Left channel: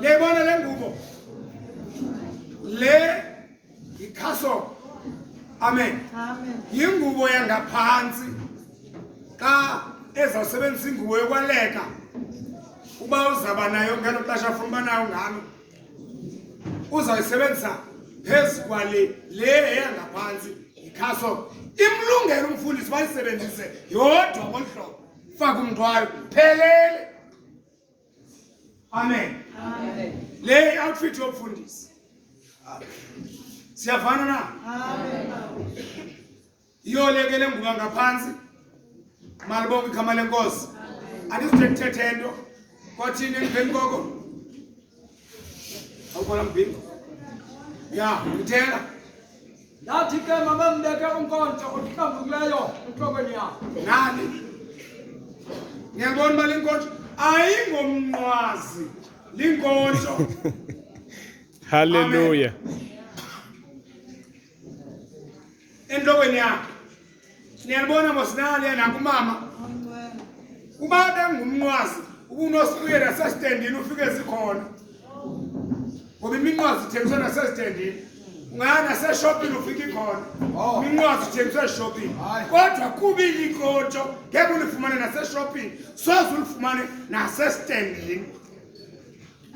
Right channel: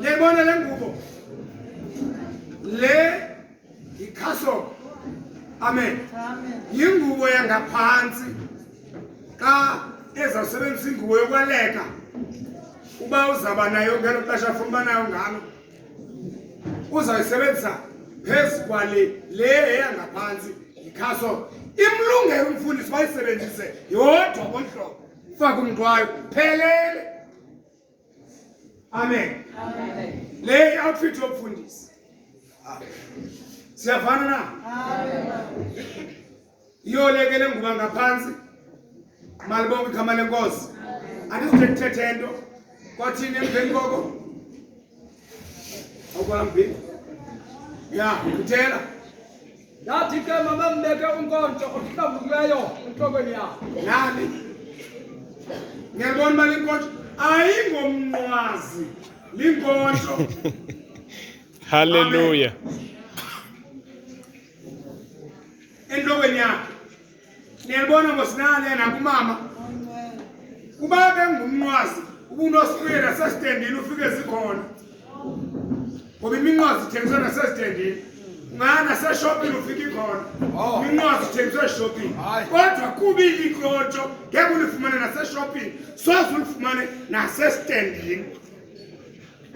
Le bona le ngubo. Le ikhaso. Amen. Amen. Yingubo yangaphansi. Ka ezawusebenzisa ingubo yokwaleka. Uba uzaba nayo ngelo xesha afuna uba nayo ngalo. Uzayisebenzisa phezu kwale le eyangaphansi ikhaso. Imlungelo umfundisi bayisebenzise yodwa ngomhlobo. Faka umthwalo phelele. Amen. Amen. Le outfit yomfundisi. Siyavana na? Amen. Iyolekele nguba ngaphansi. Malibonke igama lenkosi. Andizithethe into. Kwathini emveni koko? Awukwala mbini. Ya, ngithela. Ngathi ke mabambeke unkonzo ohlambululeyo enhlokweni yakho. Nani? Ngiyabona mali inkonzo ayingomnqwazi linkonzo. Hallelujah. Enhlokweni yakho. Niyabona mosinali yana kumama. Uba bengumnqwazi ubunosipuyela asastandini ufike sikhona. Ngoba iminqwazi ithengiswa nasastandini. Ngana seshopping ufike khona. Iminqwazi ithengiswa shopping. Kodwa kubili inkonzo ngeke ulifumane naseshopping. Soze ulifumane nasestandini.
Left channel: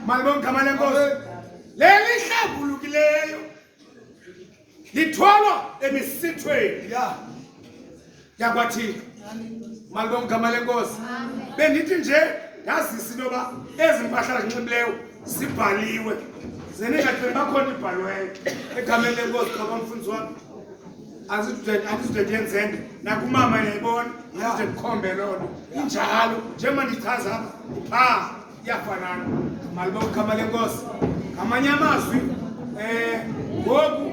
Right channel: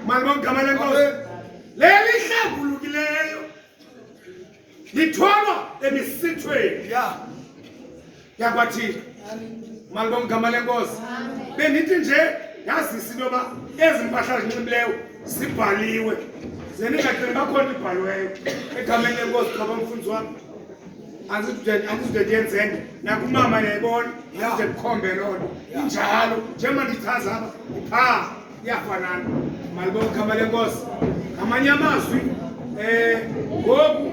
Malibonke igama lenkosi. Leli hlambulukileyo lithwalwa emisithweni yakwathina. Malibonke igama lenkosi. Bendithi nje yazisa into yoba ezi mpahla zinxibileyo zibhaliwe. Zeningagcini bakhona ibhaliweyo egameni lenkosi ngoba mfundisi wami. Andizude ndiyenzenge nakumama yayibona ndize ndikhombe loo nto. Injalo njengoba ndichaza apha iyafanana. Malibonke igama lenkosi. Ngamanye amazwi ngoku